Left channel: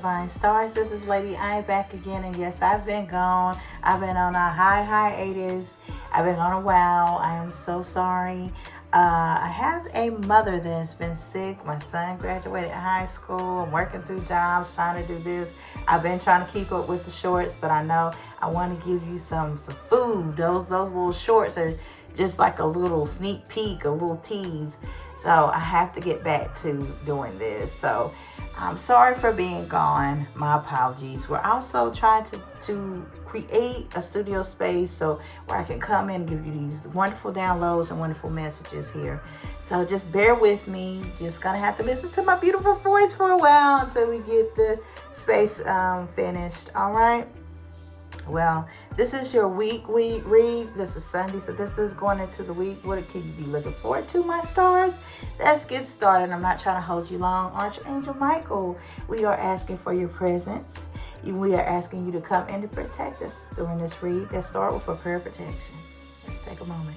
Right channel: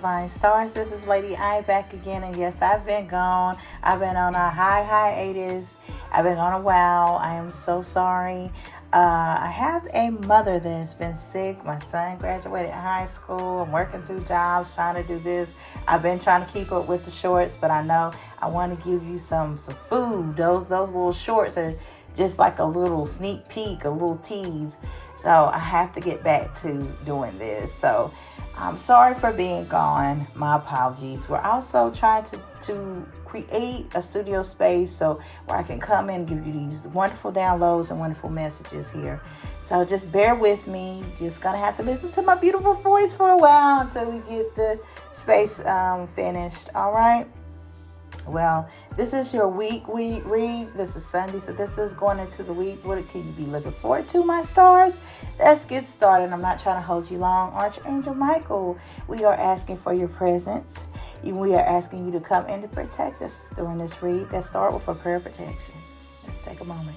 Divine Stars. This is Lady I back again, and yes, I've been gone. I've been on a hiatus. I've been on a while. I am so sorry. I have a mother that's been sick. My son graduated high school. I'm working 2 jobs, trying to do this. I've been trying to keep up with the shorts, but I know I want to give you some food. Those little shorts are just like a little sneak peek, a little tease. So I have to get back to doing this. So I'm sorry for being gone. My apologies. We're also trying to create a studio space so where I can come in and give you these wonderful downloads and wonderful messages here. So just bear with me. You're just going to have to listen to my beautiful voice for a while until we get the space finished. All right. Well, this is your week read. This is Sunday, so this is going into the week. What can you be looking forward to, my stars? Let's get started. I'm not trying to hold you long. Archangel Michael, we are asking for your presence. We are asking you to come in to protect us during this read. Let's start with a prayer of protection. Let's take a moment.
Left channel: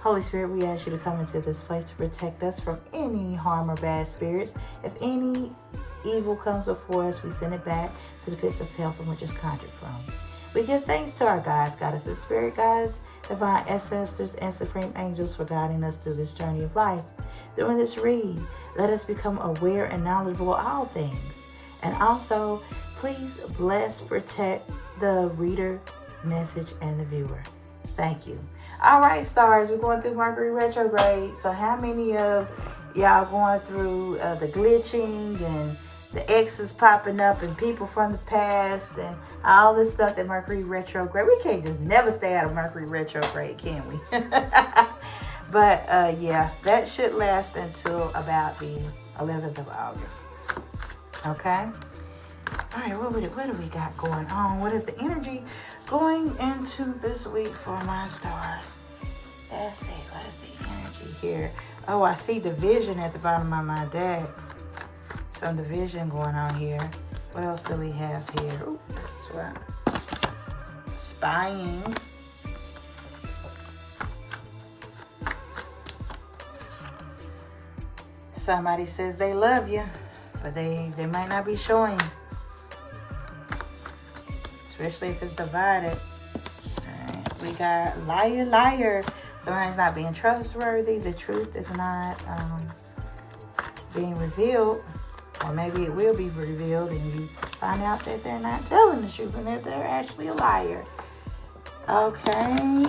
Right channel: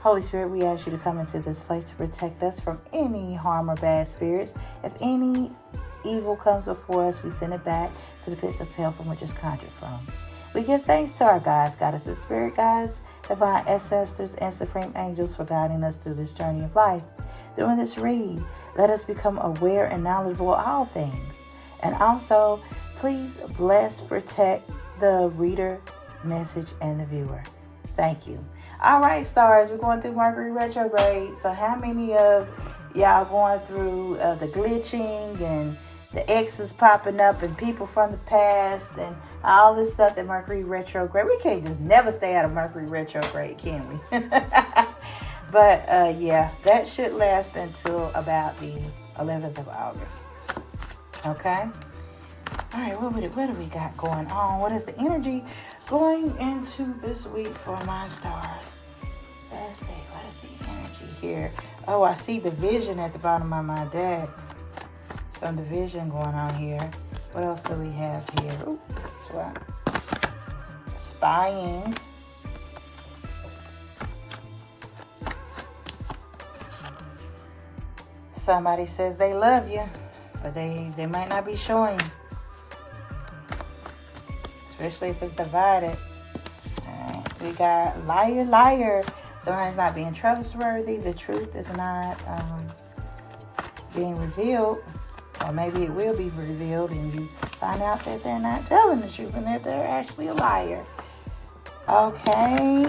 Holy Spirit, we ask you to come into this place to protect us from any harm or bad spirits. If any evil comes before us, we send it back to the pits of hell from which it's conjured from. We give thanks to our guides, goddesses, spirit guides, divine ancestors, and supreme angels for guiding us through this journey of life. During this read, let us become aware and knowledgeable of all things. And also, please bless, protect the reader, message, and the viewer. Thank you. All right, stars, we're going through Mercury retrograde. So how many of y'all going through the glitching and the exes popping up and people from the past and all this stuff that Mercury retrograde? We can't just never stay out of Mercury retrograde, can we? But yeah, that should last until about the 11th of August. Okay. All right, what do we got going on? What is the energy going into this week for my stars? Let's see, what is the energy here? Oh, I see division at the bottom of my deck. Some division going on here. What else do we have here? Ooh, this is what. Spying. Somebody says they love you, but they might not be showing. Especially if it's divided. We got liar. Somebody's not being trustworthy. The truth is not being revealed. Or maybe it will be revealed and you find out that they're not telling the truth and that they're actually a liar. Okay.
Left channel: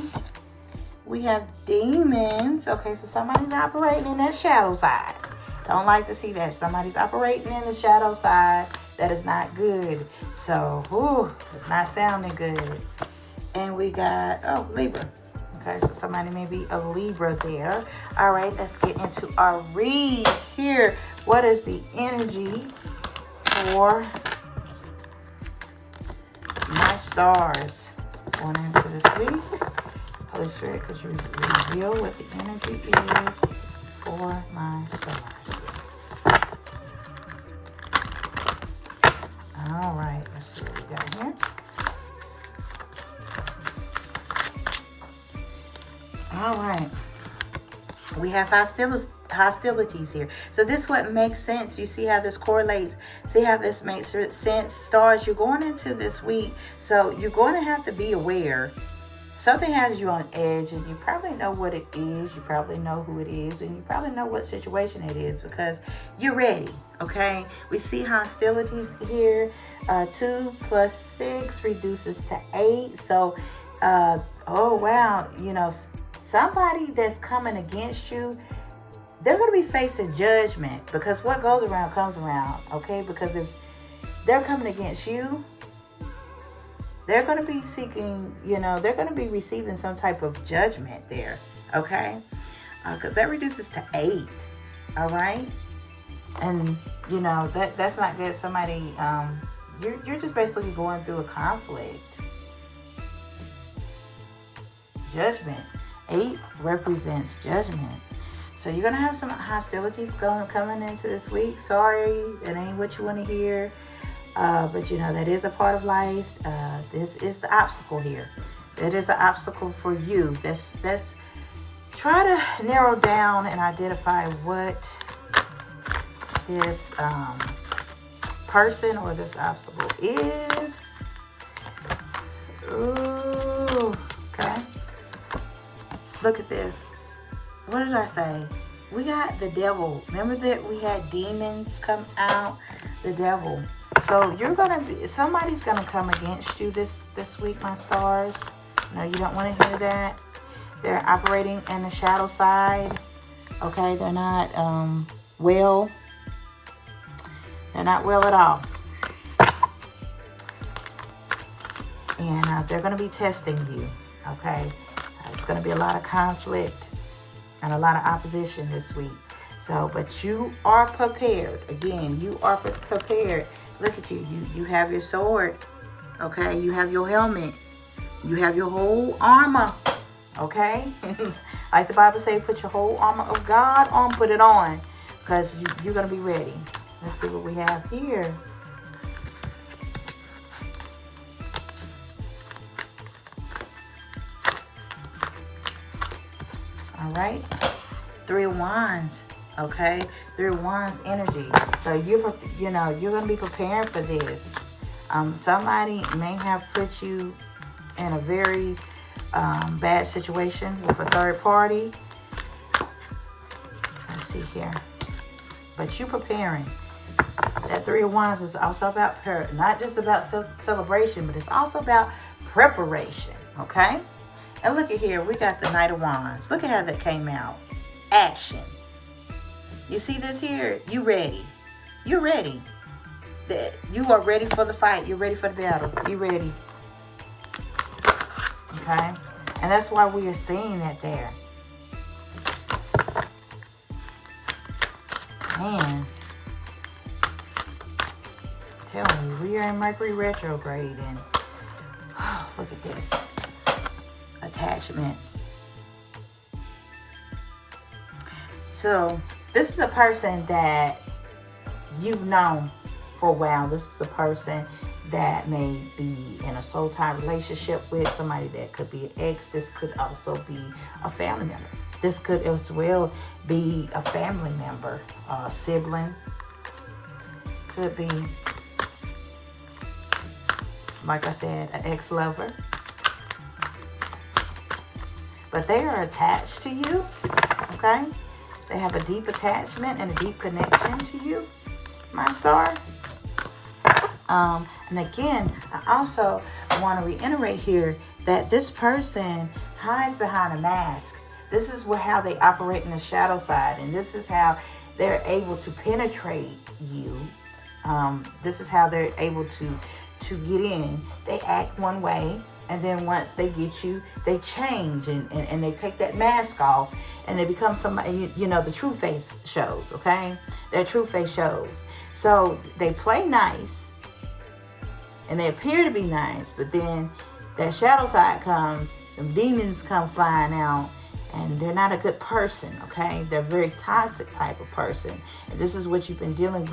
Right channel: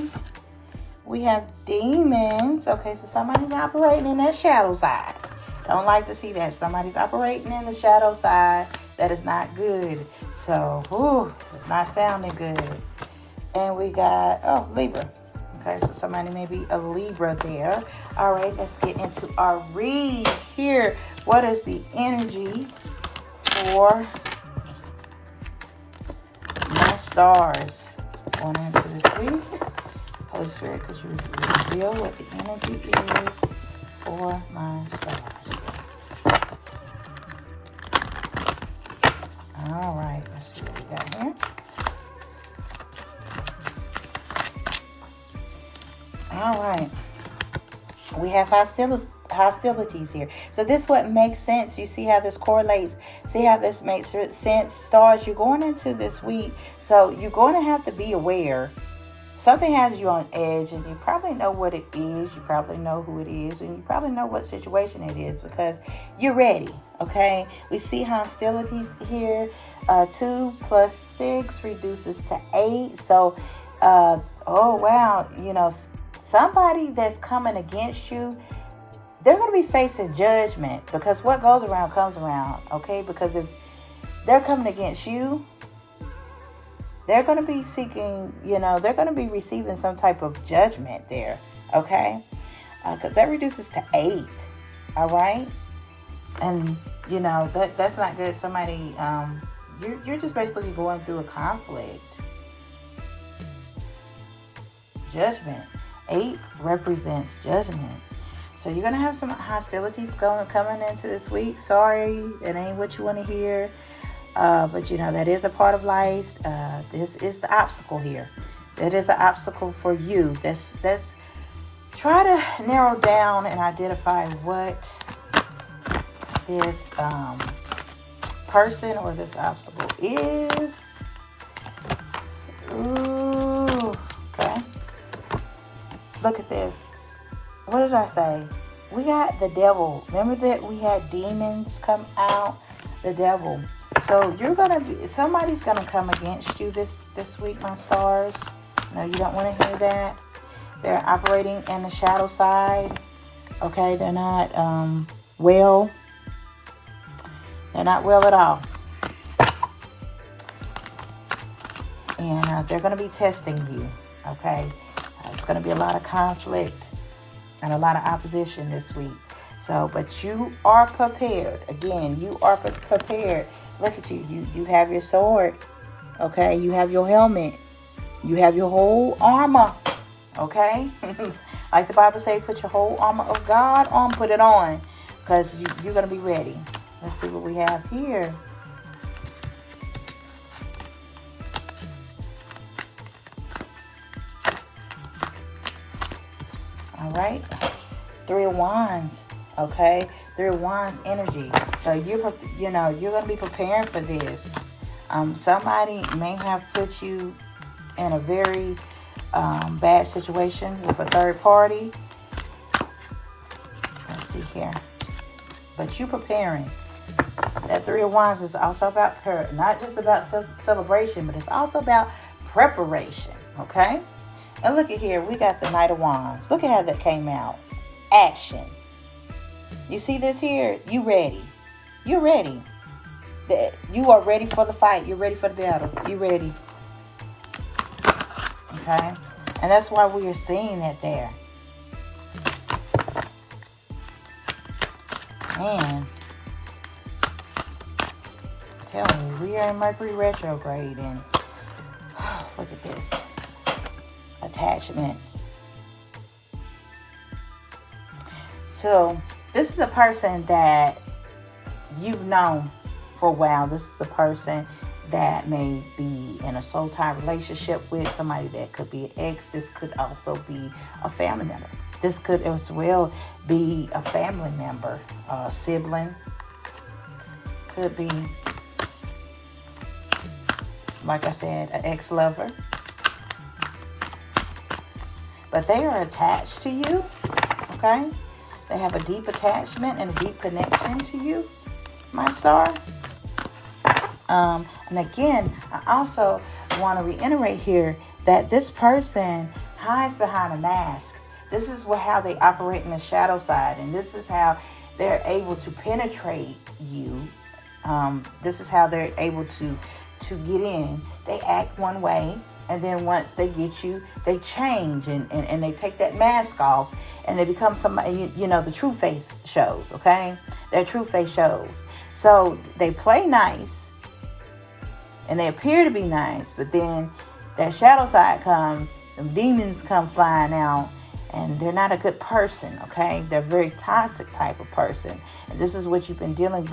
We have demons. Okay, so somebody's operating in that shadow side. Don't like to see that. Somebody's operating in the shadow side. That is not good. So, it's not sounding good. And we got, Libra. Okay, so somebody may be a Libra there. All right, let's get into our read here. What is the energy for my stars going into this week? Holy Spirit, could you reveal what the energy is for my stars? All right, let's see what we got here. All right, we have hostilities here. So this what makes sense. You see how this correlates. See how this makes sense. Stars, you're going into this week, so you're going to have to be aware. Something has you on edge, and you probably know what it is. You probably know who it is, and you probably know what situation it is because you're ready, okay? We see hostilities here. 2 + 6 reduces to 8. So, oh, wow, somebody that's coming against you, they're going to be facing judgment because what goes around comes around, okay? Because if they're coming against you, they're going to be seeking, they're going to be receiving some type of judgment there, okay? Because that reduces to 8, all right? And, that's not good. Somebody, you're just basically going through a conflict. Judgment. 8 represents judgment. So you're going to have some hostilities coming into this week. Sorry, that ain't what you want to hear. But that is a part of life. This is the obstacle here. That is the obstacle for you. Let's try to narrow down and identify what this person or this obstacle is. Ooh, okay. Look at this. What did I say? We got the devil. Remember that we had demons come out? The devil. So somebody's gonna come against you this week, my stars. No, you don't want to hear that. They're operating in the shadow side. Okay, they're not well. They're not well at all. And they're going to be testing you. Okay, there's going to be a lot of conflict and a lot of opposition this week. So, but you are prepared. Again, you are prepared. Look at you. You have your sword. Okay, you have your helmet. You have your whole armor. Okay, like the Bible says, put your whole armor of God on. Put it on, because you're gonna be ready. Let's see what we have here. All right, 3 of Wands. Okay, 3 of Wands energy. So you're gonna be preparing for this. Somebody may have put you in a very bad situation with a third party. Let's see here. But you preparing. That 3 of Wands is also about not just about celebration, but it's also about preparation. Okay? And look at here. We got the Knight of Wands. Look at how that came out. Action. You see this here? You ready. You're ready. You are ready for the fight. You're ready for the battle. You ready. Okay? And that's why we are seeing that there. Man. I'm telling you, we are in Mercury retrograde, and look at this. Attachments. So, this is a person that you've known for a while. This is a person that may be in a soul tie relationship with somebody that could be an ex. This could also be a family member. This could as well be a family member, a sibling. Could be, like I said, an ex-lover. But they are attached to you, okay? They have a deep attachment and a deep connection to you, my star. And again, I also want to reiterate here that this person hides behind a mask. This is how they operate in the shadow side, and this is how they're able to penetrate you. This is how they're able to get in. They act one way, and then once they get you, they change and they take that mask off, and they become somebody, the true face shows, okay? Their true face shows. So they play nice, and they appear to be nice, but then that shadow side comes, the demons come flying out, and they're not a good person, okay? They're a very toxic type of person. And this is what you've been dealing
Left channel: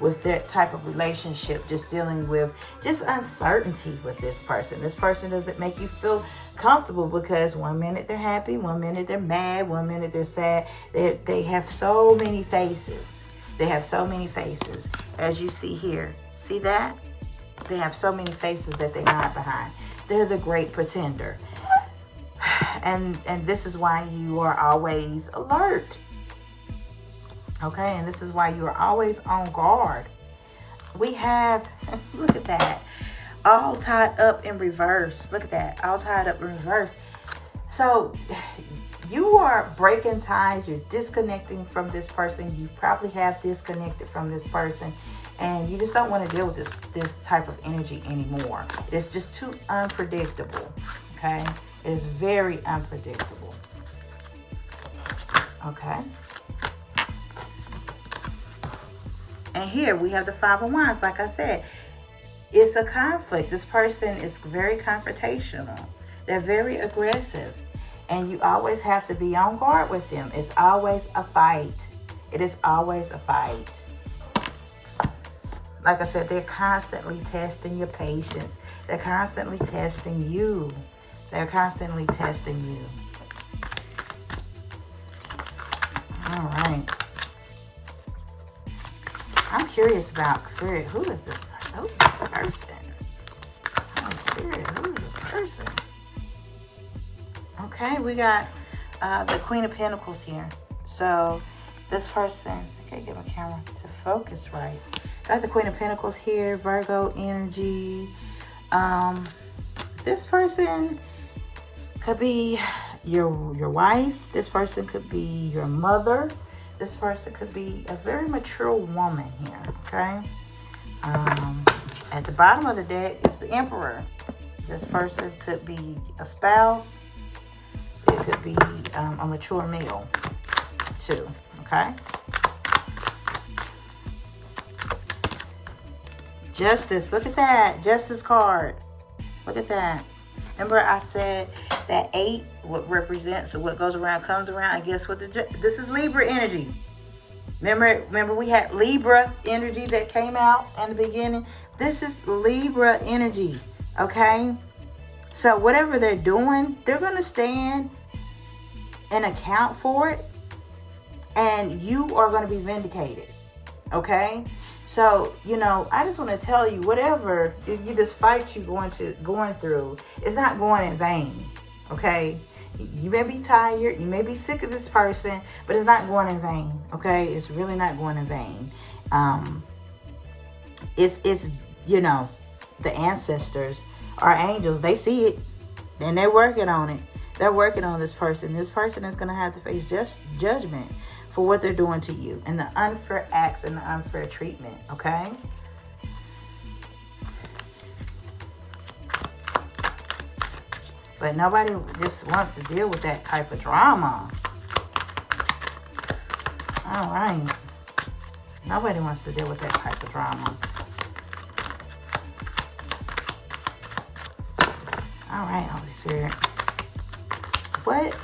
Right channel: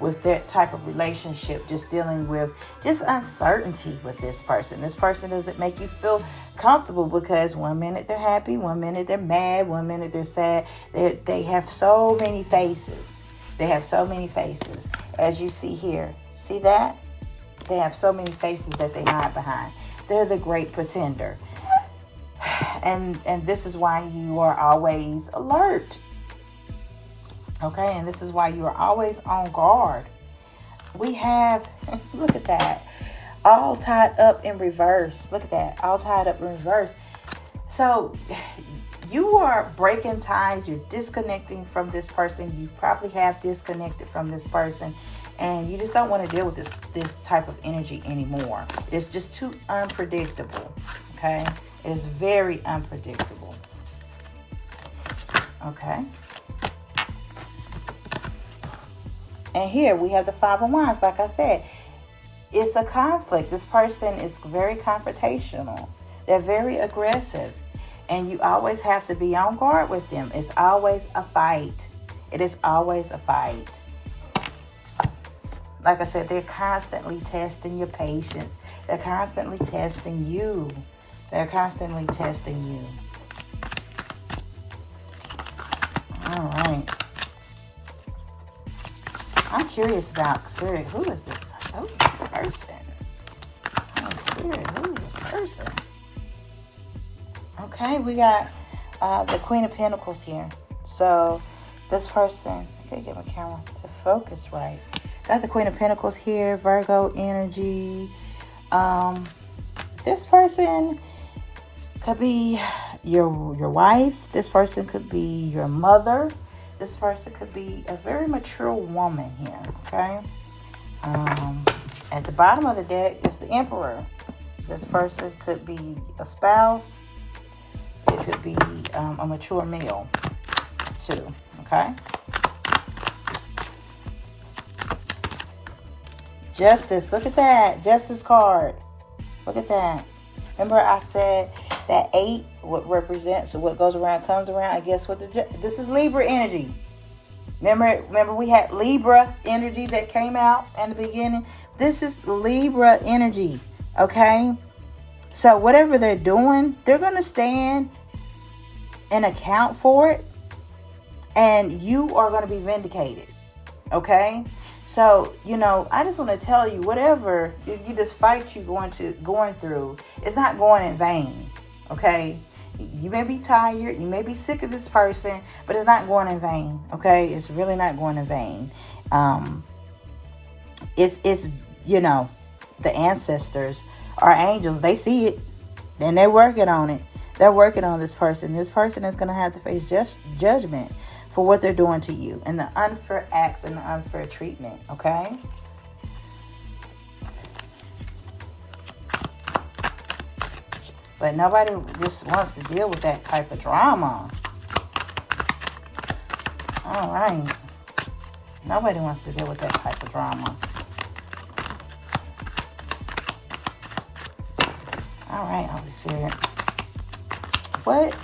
with that type of relationship, just dealing with just uncertainty with this person. This person doesn't make you feel comfortable, because one minute they're happy, one minute they're mad, one minute they're sad. They have so many faces. They have so many faces, as you see here. See that? They have so many faces that they hide behind. They're the great pretender. And this is why you are always alert. Okay, and this is why you are always on guard. We have, look at that, all tied up in reverse. Look at that, all tied up in reverse. So you are breaking ties. You're disconnecting from this person. You probably have disconnected from this person. And you just don't want to deal with this type of energy anymore. It's just too unpredictable, okay? It is very unpredictable, okay? And here we have the 5 of Wands. Like I said, it's a conflict. This person is very confrontational. They're very aggressive. And you always have to be on guard with them. It's always a fight. It is always a fight. Like I said, they're constantly testing your patience. They're constantly testing you. They're constantly testing you. All right. I'm curious about Spirit. Who is this person? Who is this person? Oh, Spirit, who is this person? Okay, we got the Queen of Pentacles here. So this person, I gotta get my camera to focus right. Got the Queen of Pentacles here, Virgo energy. This person could be your wife. This person could be your mother. This person could be a very mature woman here, okay? At the bottom of the deck is the Emperor. This person could be a spouse. It could be a mature male, too, okay? Justice, look at that. Justice card. Look at that. Remember I said that 8, what represents what goes around comes around. I guess what this is Libra energy. Remember we had Libra energy that came out in the beginning. This is Libra energy, okay? So whatever they're doing, they're going to stand and account for it, and you are going to be vindicated, okay? So, I just want to tell you, whatever this fight you're going through, it's not going in vain, okay? You may be tired, you may be sick of this person, but it's not going in vain, okay? It's really not going in vain. It's the ancestors, our angels, they see it, and they're working on it. They're working on this person. This person is going to have to face judgment for what they're doing to you and the unfair acts and the unfair treatment, okay? But nobody just wants to deal with that type of drama. All right. Nobody wants to deal with that type of drama. All right, Holy Spirit. What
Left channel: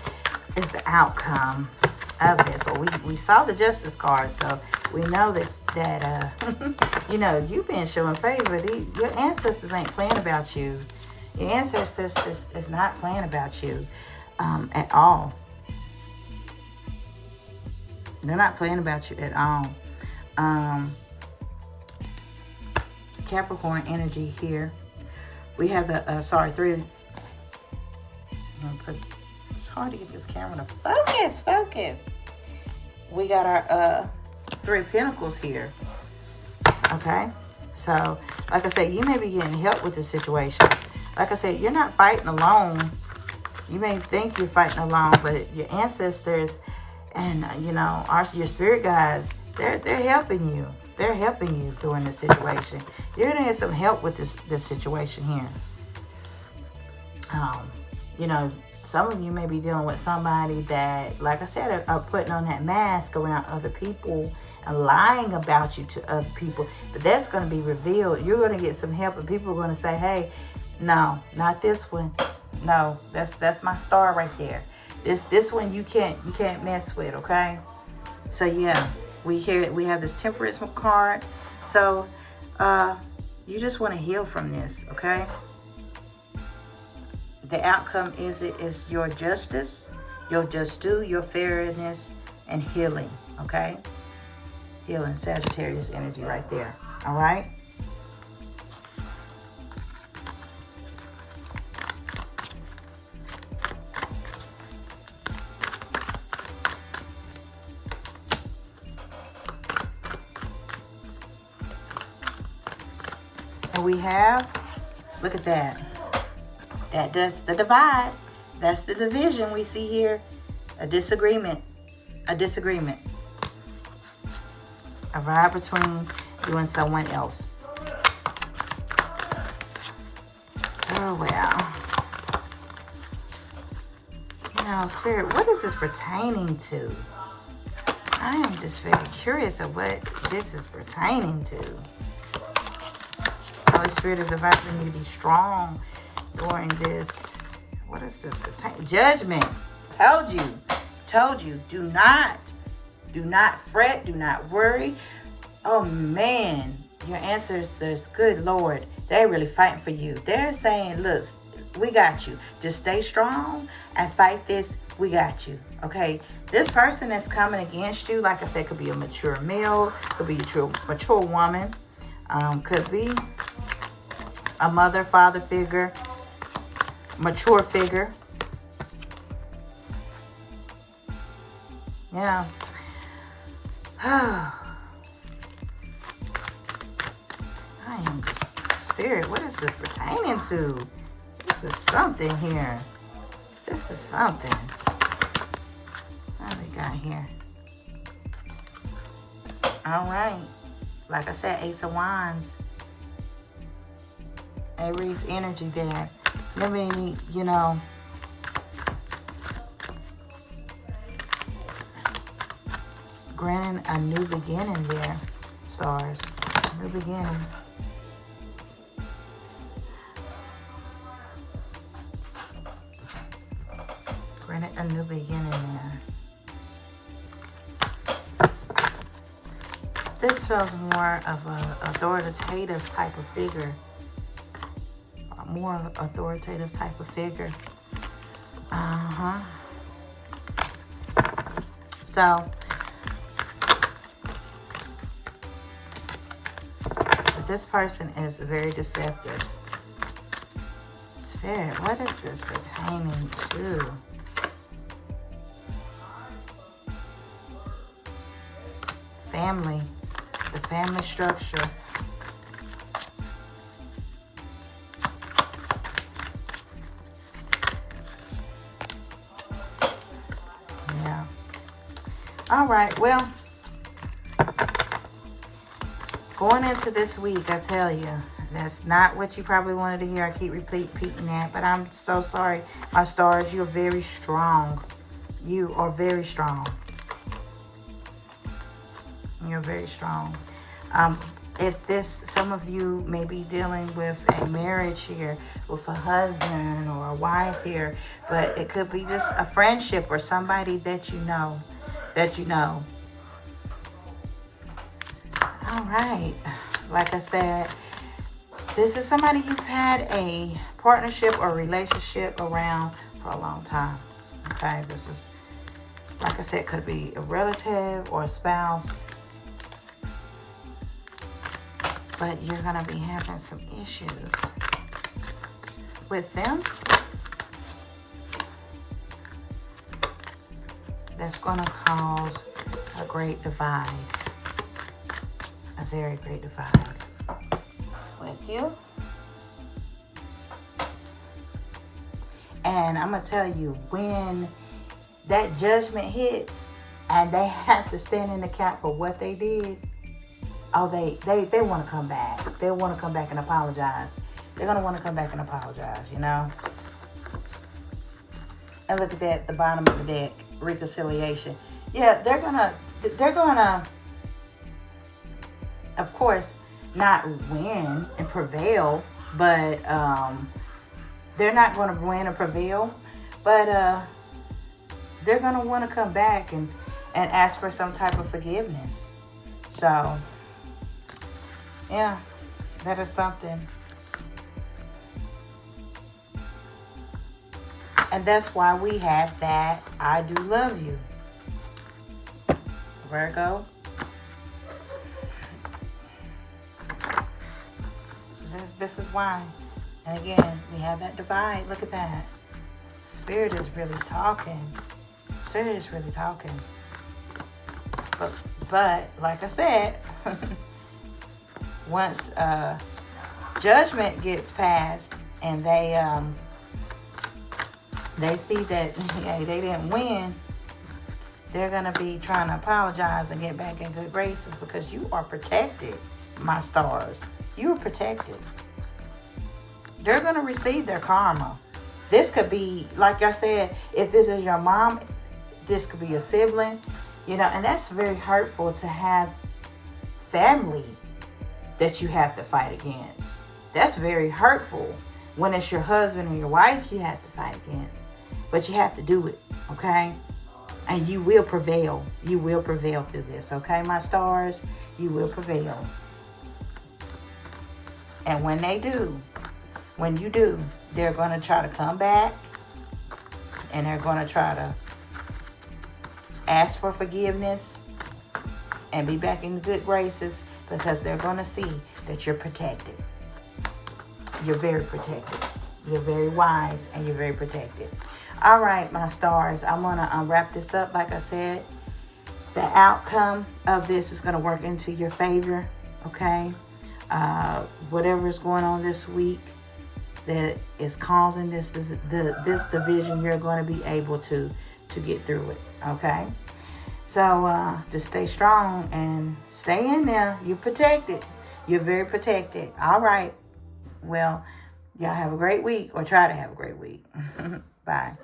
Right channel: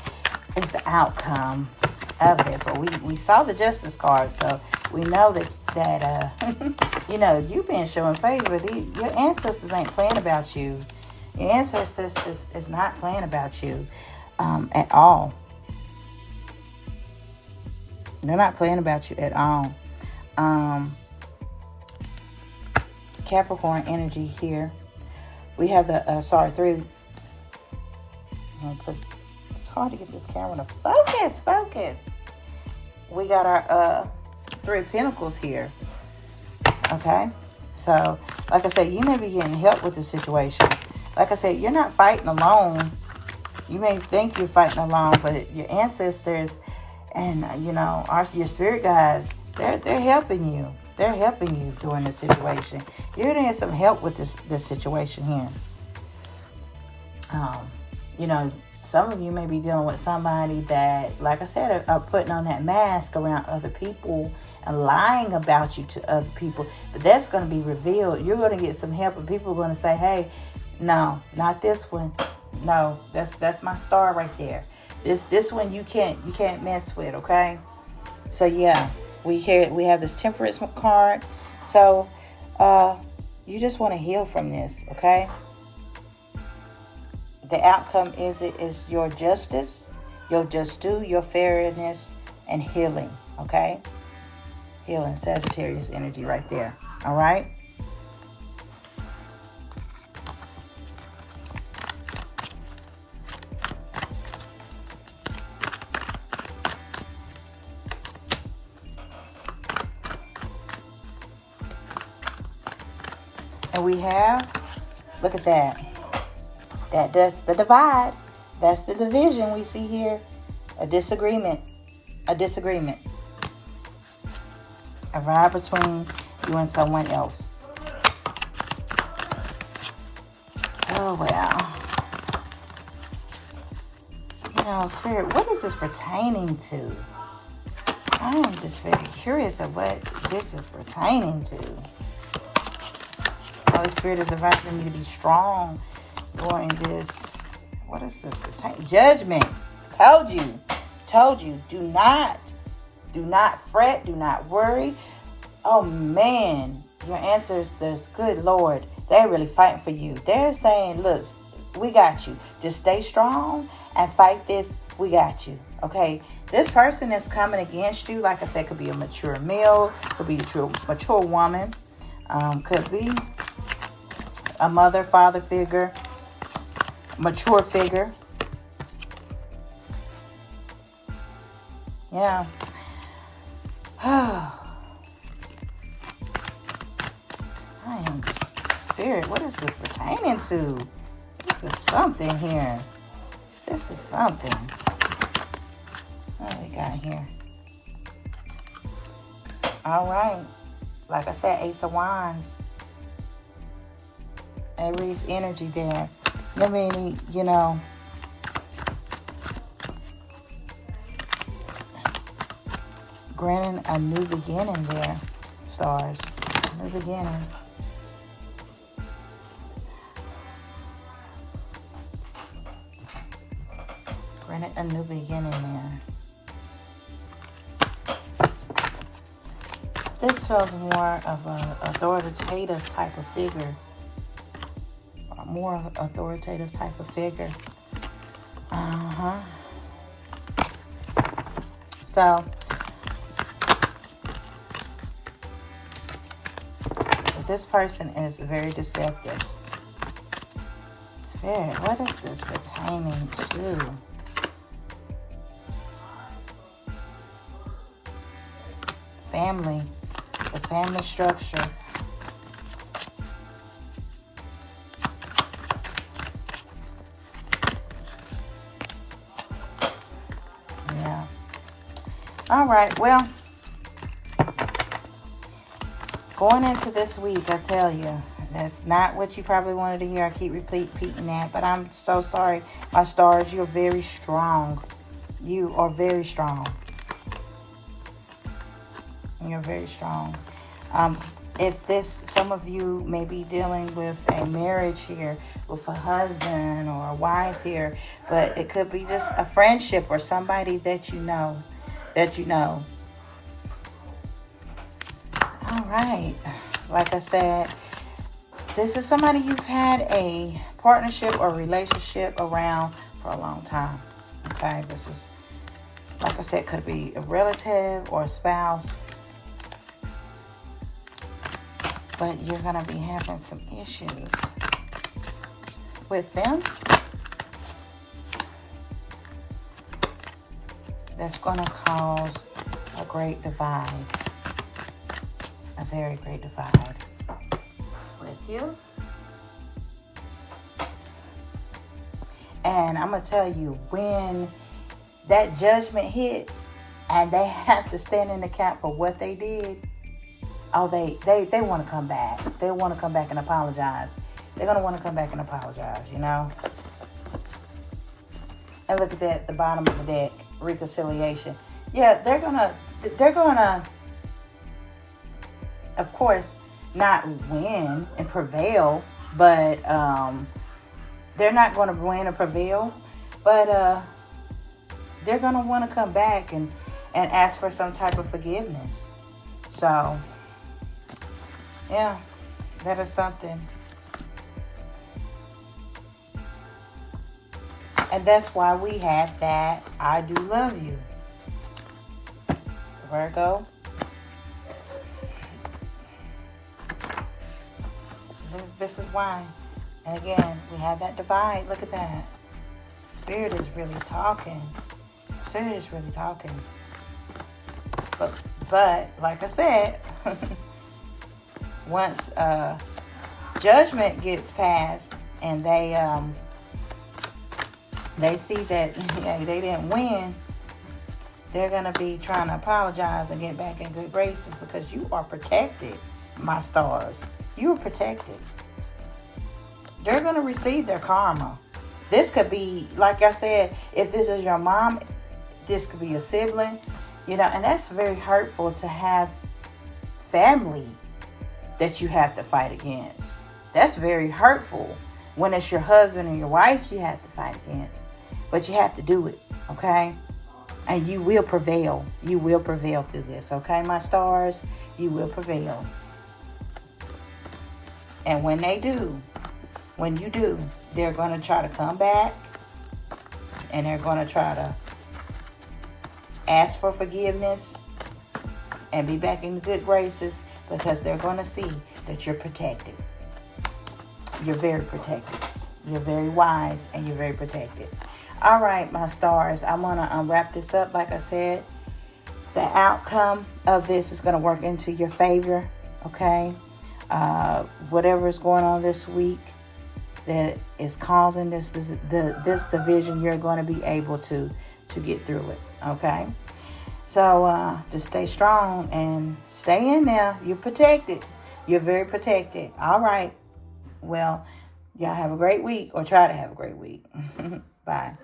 is the outcome of this? Well, we saw the Justice card, so we know that you've been showing favor. Your ancestors ain't playing about you. Your ancestors is not playing about you at all. They're not playing about you at all. Capricorn energy here. We have the, 3. It's hard to get this camera to focus. We got our 3 of Pentacles here. Okay? So, like I said, you may be getting help with this situation. Like I said, you're not fighting alone. You may think you're fighting alone, but your ancestors and, your spirit guides, they're helping you. They're helping you during this situation. You're going to get some help with this situation here. Some of you may be dealing with somebody that, like I said, are putting on that mask around other people and lying about you to other people. But that's going to be revealed. You're going to get some help, and people are going to say, hey, no, not this one. No, that's my star right there. This one you can't mess with, okay? So yeah, we have this Temperance card. So you just want to heal from this, okay? The outcome is your justice, your just due, your fairness, and healing, okay? Healing, Sagittarius energy right there, all right? And we have, look at that. That's the divide. That's the division we see here. A disagreement. A vibe between you and someone else. Oh, well. Spirit, what is this pertaining to? I am just very curious of what this is pertaining to. Holy Spirit is inviting you to be strong during this. What is this pertaining? Judgment. Told you. Do not fret. Do not worry. Oh man, your ancestors, good Lord, they're really fighting for you. They're saying, look, we got you. Just stay strong and fight this. We got you. Okay, this person that's coming against you, like I said, could be a mature male, could be a mature woman, could be a mother, father figure, mature figure. Yeah. I am just, Spirit, what is this pertaining to? This is something here. This is something. What do we got here? All right. Like I said, Ace of Wands. Aries energy there. I mean, you know, granting a new beginning there, stars. New beginning. Granted a new beginning there. This feels more of an authoritative type of figure. More authoritative type of figure. So, but this person is very deceptive. Spirit, what is this pertaining to? Family, the family structure. Yeah. All right, well, going into this week, I tell you, that's not what you probably wanted to hear. I keep repeating that, but I'm so sorry, my stars. You're very strong. You are very strong. You're very strong. If some of you may be dealing with a marriage here, with a husband or a wife here, but it could be just a friendship or somebody that you know. All right. Like I said, this is somebody you've had a partnership or relationship around for a long time. Okay, this is, like I said, could be a relative or a spouse. But you're going to be having some issues with them. That's going to cause a great divide. A very great divide with you. And I'm going to tell you, when that judgment hits and they have to stand in the gap for what they did, oh, they want to come back. They want to come back and apologize. They're going to want to come back and apologize, you know. And look at that, the bottom of the deck, reconciliation. Yeah, they're going to, of course, not win and prevail, but they're not going to win or prevail, but they're going to want to come back and ask for some type of forgiveness. So, yeah, that is something. And that's why we had that I do love you. Virgo. This is why. And again, we have that divide. Look at that. Spirit is really talking. Spirit is really talking. But like I said, once judgment gets passed and they see that they didn't win, they're going to be trying to apologize and get back in good graces because you are protected, my stars. You are protected. They're going to receive their karma. This could be, like I said, if this is your mom, this could be a sibling, you know, and that's very hurtful to have family that you have to fight against. That's very hurtful when it's your husband or your wife you have to fight against. But you have to do it, okay? And you will prevail. You will prevail through this, okay, my stars? You will prevail. And when you do, they're going to try to come back and they're going to try to Ask for forgiveness and be back in good graces, because they're going to see that you're protected. You're very protected. You're very wise and you're very protected. All right, my stars, I'm going to wrap this up. Like I said, the outcome of this is going to work into your favor, okay? Whatever is going on this week that is causing this division, you're going to be able to get through it, okay? So just stay strong and stay in there. You're protected. You're very protected. All right. Well, y'all have a great week, or try to have a great week. Bye.